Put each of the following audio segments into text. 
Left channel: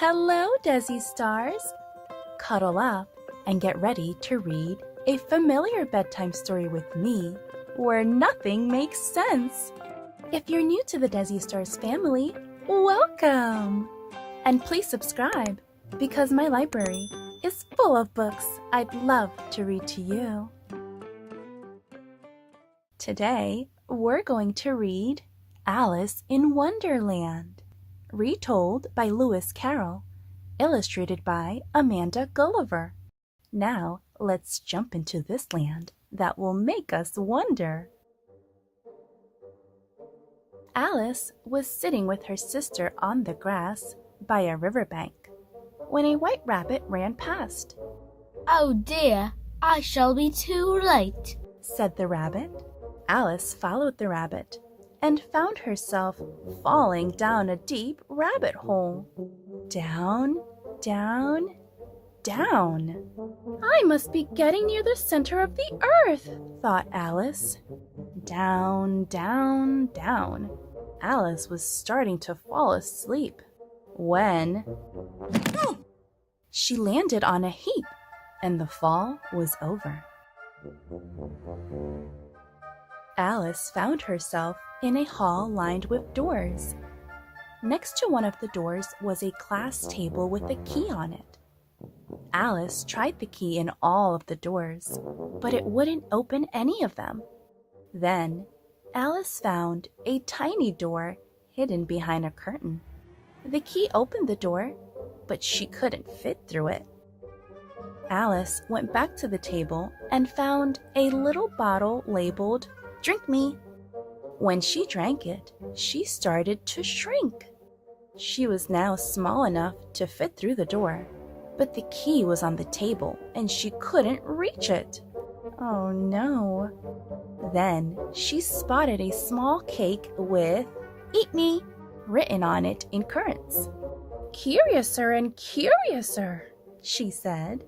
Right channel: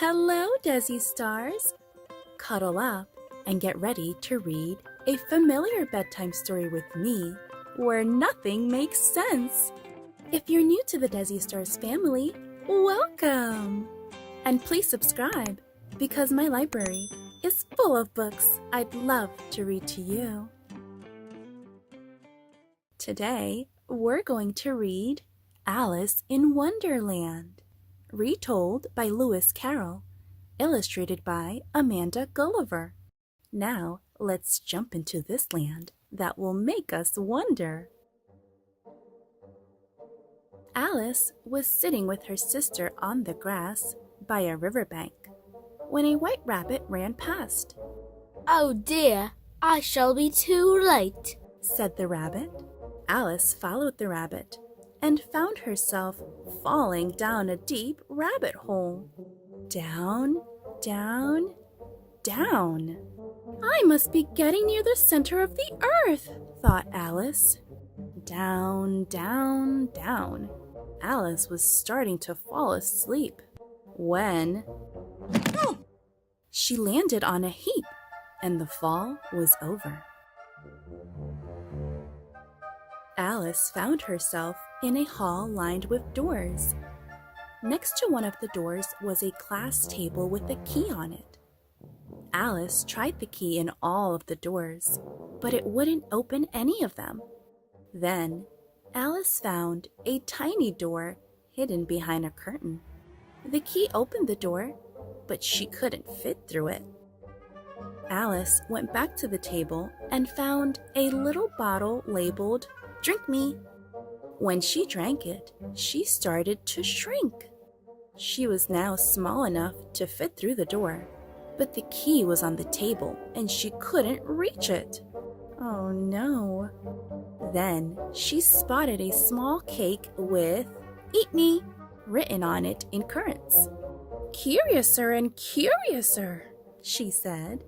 Hello, Desi Stars! Cuddle up and get ready to read a familiar bedtime story with me where nothing makes sense. If you're new to the Desi Stars family, welcome! And please subscribe because my library is full of books I'd love to read to you. Today, we're going to read Alice in Wonderland, retold by Lewis Carroll, illustrated by Amanda Gulliver. Now, let's jump into this land that will make us wonder. Alice was sitting with her sister on the grass by a riverbank when a white rabbit ran past. "Oh dear, I shall be too late," said the rabbit. Alice followed the rabbit and found herself falling down a deep rabbit hole. Down, down, down. I must be getting near the center of the earth, thought Alice. Down, down, down. Alice was starting to fall asleep when she landed on a heap and the fall was over. Alice found herself in a hall lined with doors. Next to one of the doors was a class table with a key on it. Alice tried the key in all of the doors, but it wouldn't open any of them. Then Alice found a tiny door hidden behind a curtain. The key opened the door, but she couldn't fit through it. Alice went back to the table and found a little bottle labeled "Drink me." When she drank it, she started to shrink. She was now small enough to fit through the door, but the key was on the table and she couldn't reach it. Oh no. Then she spotted a small cake with "Eat me" written on it in currants. "Curiouser and curiouser," she said.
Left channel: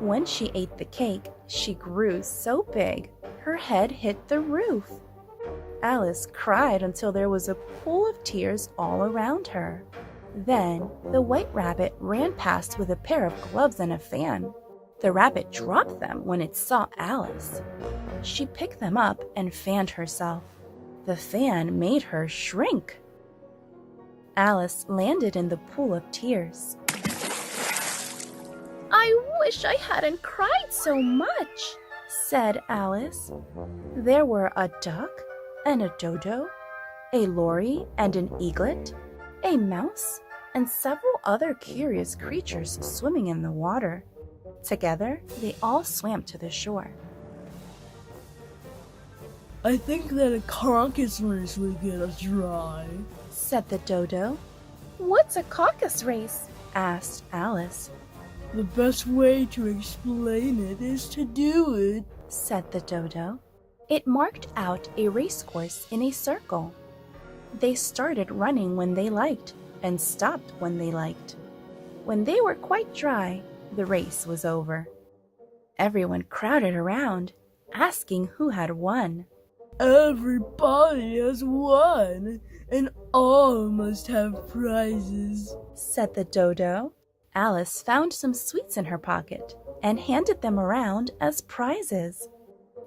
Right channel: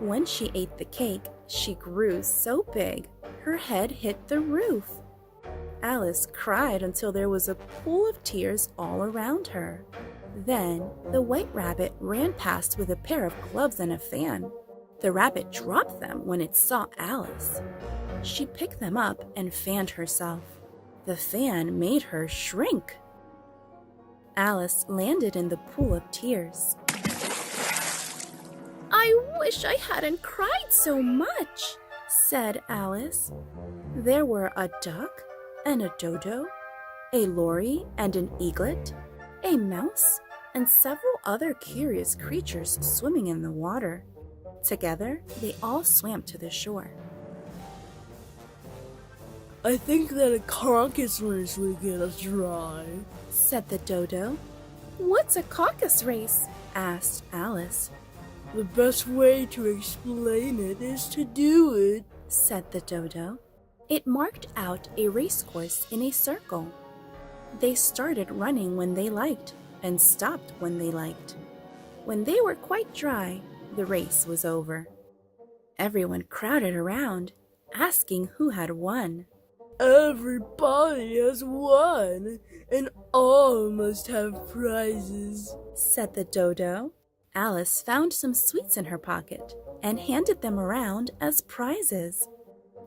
When she ate the cake, she grew so big, her head hit the roof. Alice cried until there was a pool of tears all around her. Then the white rabbit ran past with a pair of gloves and a fan. The rabbit dropped them when it saw Alice. She picked them up and fanned herself. The fan made her shrink. Alice landed in the pool of tears. "I wish I hadn't cried so much," said Alice. There were a duck and a dodo, a lory and an eaglet, a mouse, and several other curious creatures swimming in the water. Together, they all swam to the shore. "I think that a caucus race will get us dry," said the dodo. "What's a caucus race?" asked Alice. "The best way to explain it is to do it," said the dodo. It marked out a race course in a circle. They started running when they liked and stopped when they liked. When they were quite dry, the race was over. Everyone crowded around, asking who had won. "Everybody has won, and all must have prizes," said the dodo. Alice found some sweets in her pocket and handed them around as prizes.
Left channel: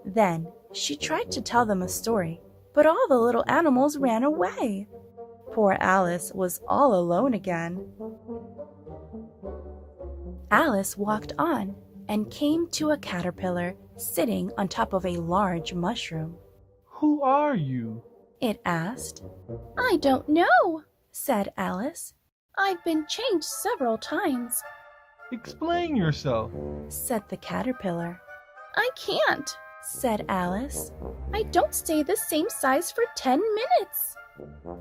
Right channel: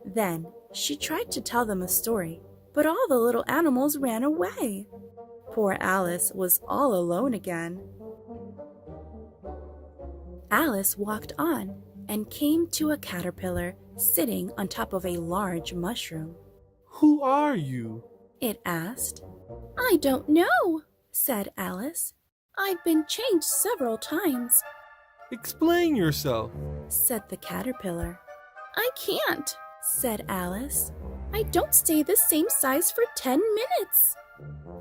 Then she tried to tell them a story, but all the little animals ran away. Poor Alice was all alone again. Alice walked on and came to a caterpillar sitting on top of a large mushroom. "Who are you?" it asked. "I don't know," said Alice. "I've been changed several times," "Explain yourself," said the caterpillar. "I can't," said Alice. "I don't stay the same size for 10 minutes."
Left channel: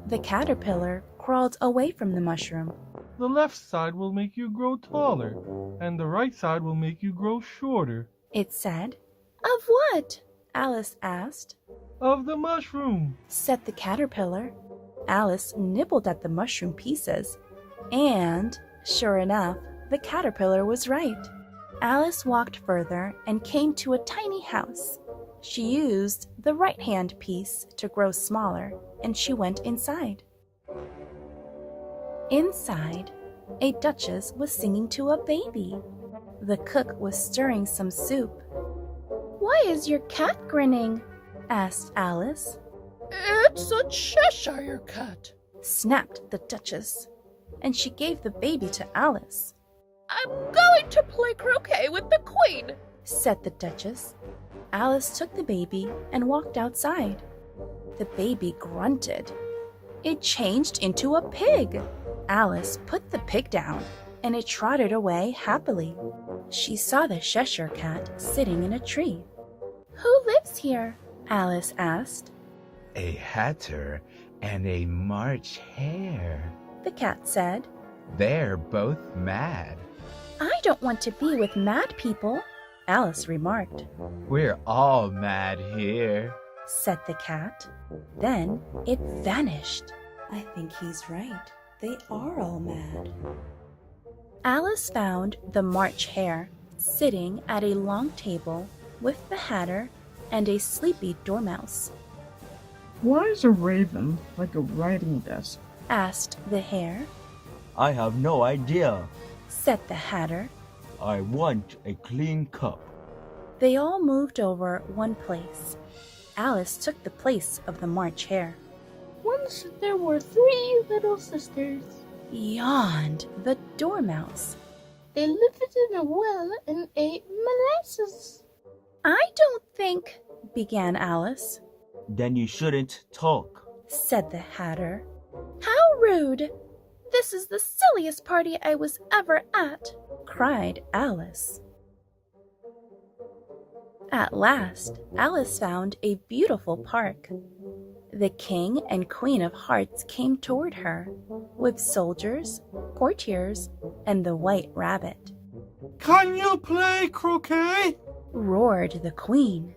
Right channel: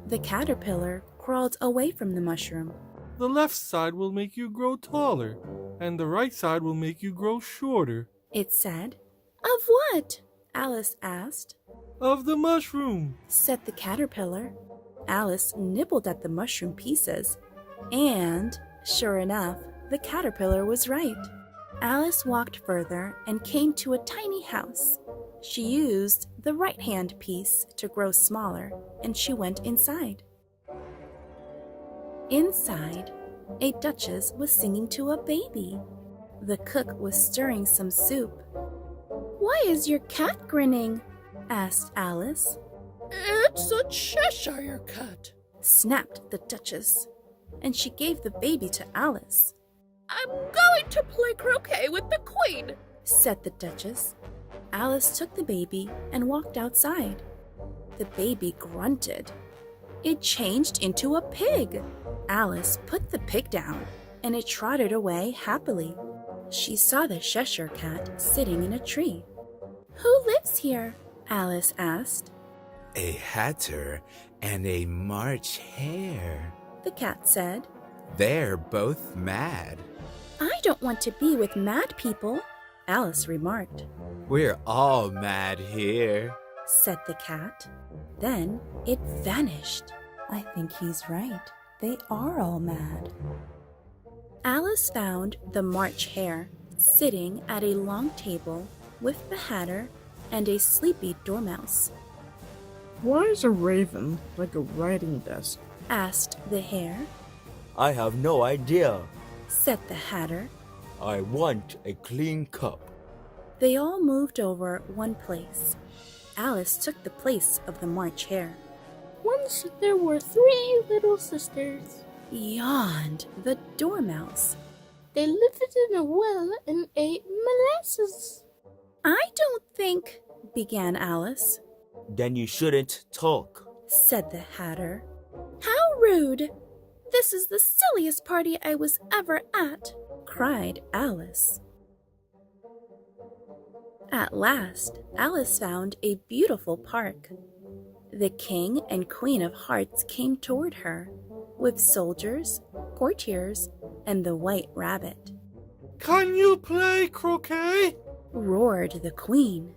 The caterpillar crawled away from the mushroom. "The left side will make you grow taller, and the right side will make you grow shorter," it said. "Of what?" Alice asked. "Of the mushroom," said the caterpillar. Alice nibbled at the mushroom pieces, and, sure enough, the caterpillar was right. Alice walked further and came to a tiny house. She used the right-hand piece to grow smaller, and she went inside. Inside, a duchess was singing to a baby. The cook was stirring some soup. "Why is your cat grinning?" asked Alice. It's a Cheshire cat, Snapped the duchess, and she gave the baby to Alice. "I'm going to play croquet with the queen," said the duchess. Alice took the baby and walked outside. The baby grunted. It changed into a pig. Alice put the pig down, and it trotted away happily. She saw the Cheshire cat sitting in a tree. "Who lives here?" Alice asked. A hatter and a March hare. The cat said. They're both mad. "I don't want to be with mad people," Alice remarked. We're all mad here. Said the cat. Then it vanished. I think he's right. They are all mad. Alice found the March hare sitting at a long table with the hatter and a sleepy dormouse. "Why is a raven like a writing desk?" Asked the hare. I have no idea. Said the hatter. I want a clean cup. They all moved over one place. Alice took the place of the March hare. Once there were 3 little sisters. Yawned the dormouse. They lived in a well and ate molasses. "I don't think," began Alice. Then you shouldn't talk. Said the hatter. "How rude! This is the silliest party I was ever at," cried Alice. At last, Alice found a beautiful park. The King and Queen of Hearts came toward her, with soldiers, courtiers, and the White Rabbit. Can you play croquet? Roared the Queen.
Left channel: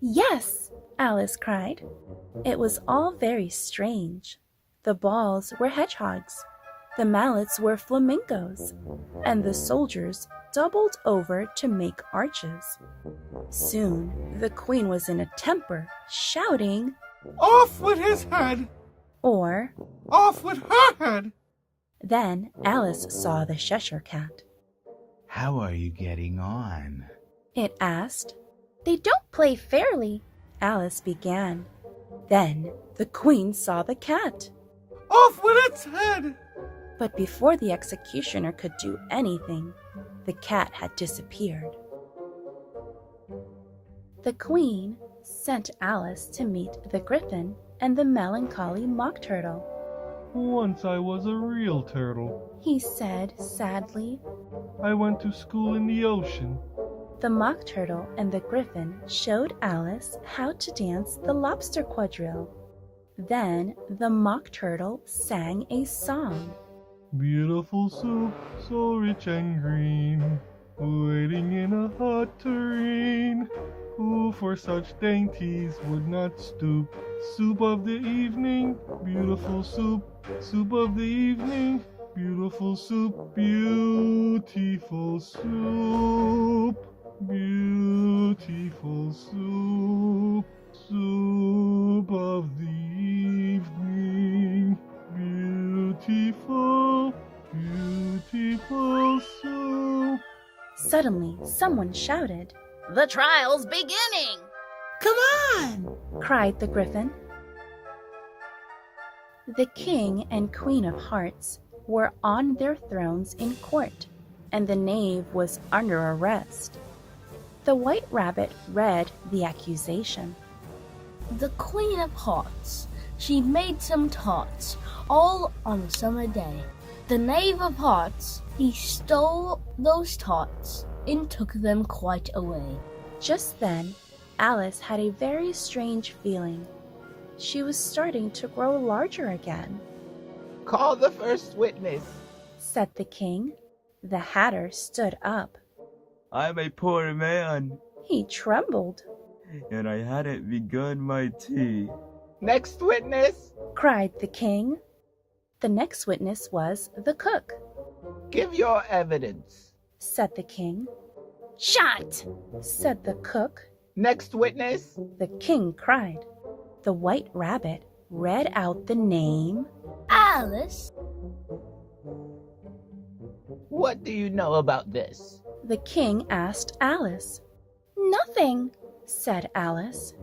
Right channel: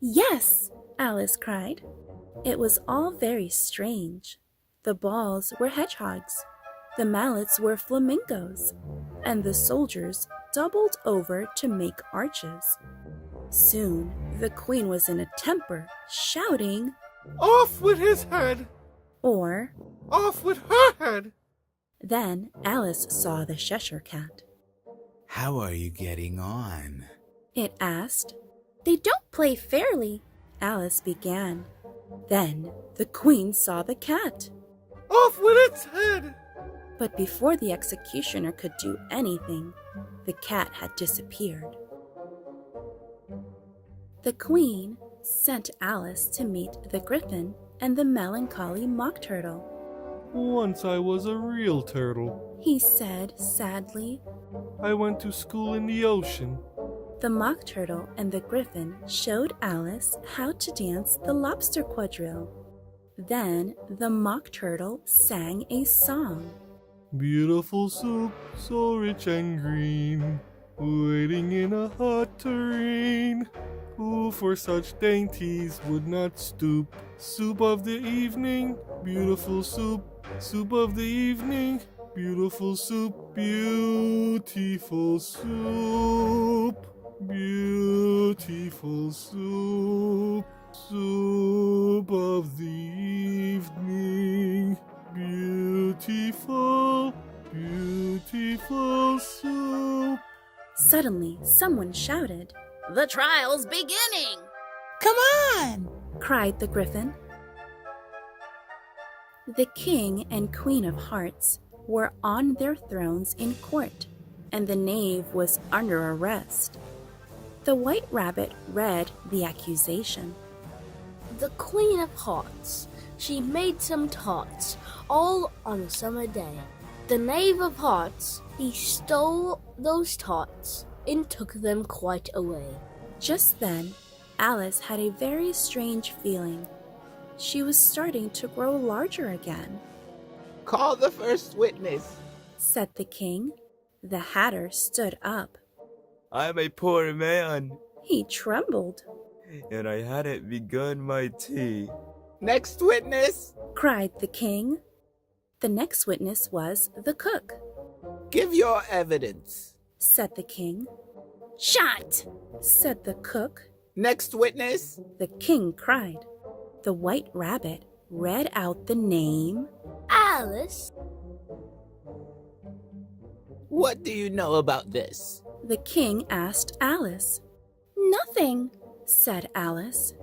"Yes!" Alice cried. It was all very strange. The balls were hedgehogs, the mallets were flamingos, and the soldiers doubled over to make arches. Soon the Queen was in a temper, shouting, Off with his head! or Off with her head! then Alice saw the Cheshire cat. How are you getting on? It asked. "They don't play fairly," Alice began. Then the Queen saw the cat. Off with its head! But before the executioner could do anything, the cat had disappeared. The Queen sent Alice to meet the Griffin and the melancholy Mock Turtle. Once I was a real turtle. He said sadly. I went to school in the ocean. The Mock Turtle and the Griffin showed Alice how to dance the lobster quadrille. Then the Mock Turtle sang a song. Beautiful soup, so rich and green, waiting in a hot tureen. Who for such dainties would not stoop? Soup of the evening, beautiful soup, soup of the evening, beautiful soup, beautiful soup, beautiful soup, soup of the evening, beautiful, beautiful soup. Suddenly, someone shouted, The trial's beginning! "Come on!" cried the Griffin. The King and Queen of Hearts were on their thrones in court, and the knave was under arrest. The White Rabbit read the accusation. The Queen of Hearts, she made some tarts, all on a summer day. The Knave of Hearts, he stole those tarts and took them quite away. Just then, Alice had a very strange feeling. She was starting to grow larger again. Call the first witness, Said the King. The Hatter stood up. I'm a poor man, He trembled. and I hadn't begun my tea. Next witness, Cried the King. The next witness was the cook. give your evidence. Said the King. Shut! Said the cook. Next witness, The King cried. The White Rabbit read out the name. Alice, What do you know about this? The king asked Alice. Nothing, said Alice.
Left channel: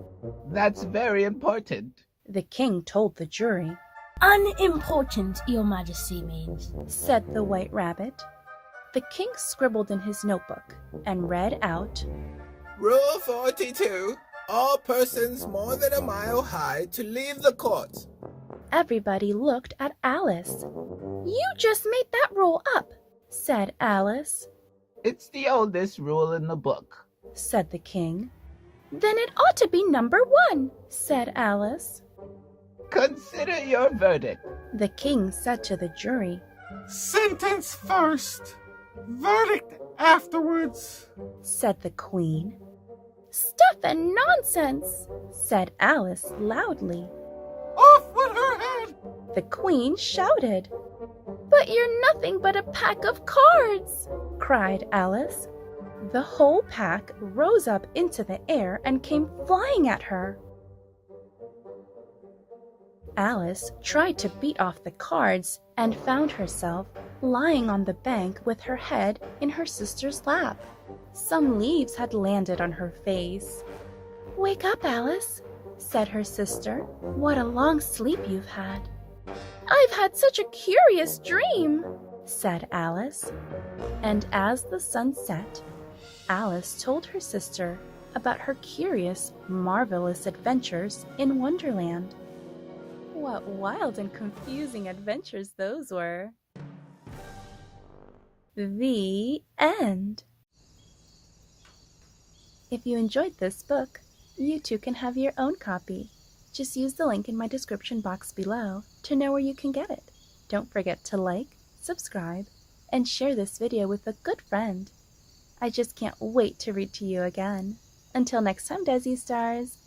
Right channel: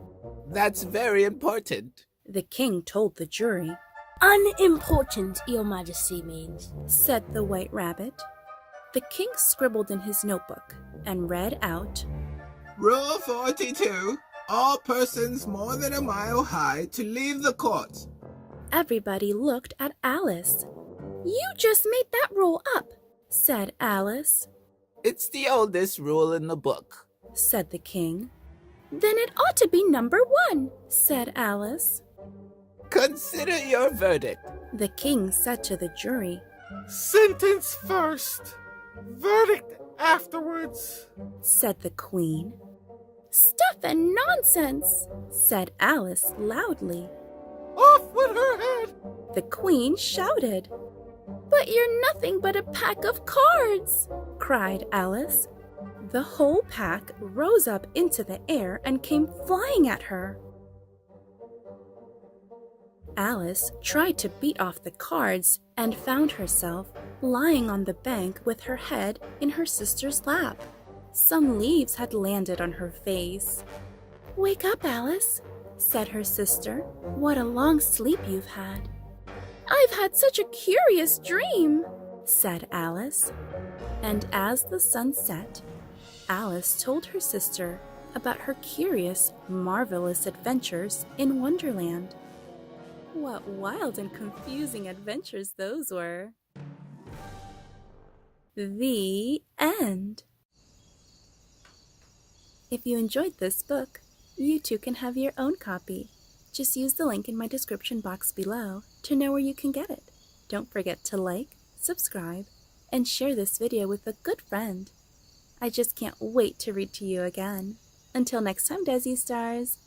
That's very important. The king told the jury, Unimportant, Your Majesty means. said the White Rabbit. The king scribbled in his notebook and read out, Rule 42. All persons more than a mile high to leave the court. Everybody looked at Alice. You just made that rule up, said Alice. It's the oldest rule in the book. Said the king. Then it ought to be number 1, said Alice. Consider your verdict. The king said to the jury, Sentence first, verdict afterwards. said the queen. Stuff and nonsense, said Alice loudly. Off with her head! The queen shouted. But you're nothing but a pack of cards, cried Alice. The whole pack rose up into the air and came flying at her. Alice tried to beat off the cards and found herself lying on the bank with her head in her sister's lap. Some leaves had landed on her face. Wake up, Alice, said her sister. What a long sleep you've had. I've had such a curious dream, said Alice. And as the sun set, Alice told her sister about her curious, marvelous adventures in Wonderland. What wild and confusing adventures those were. The end. If you enjoyed this book, you too can have your own copy. Just use the link in my description box below to know where you can get it. Don't forget to like, subscribe, and share this video with a good friend. I just can't wait to read to you again. Until next time, Desi Stars.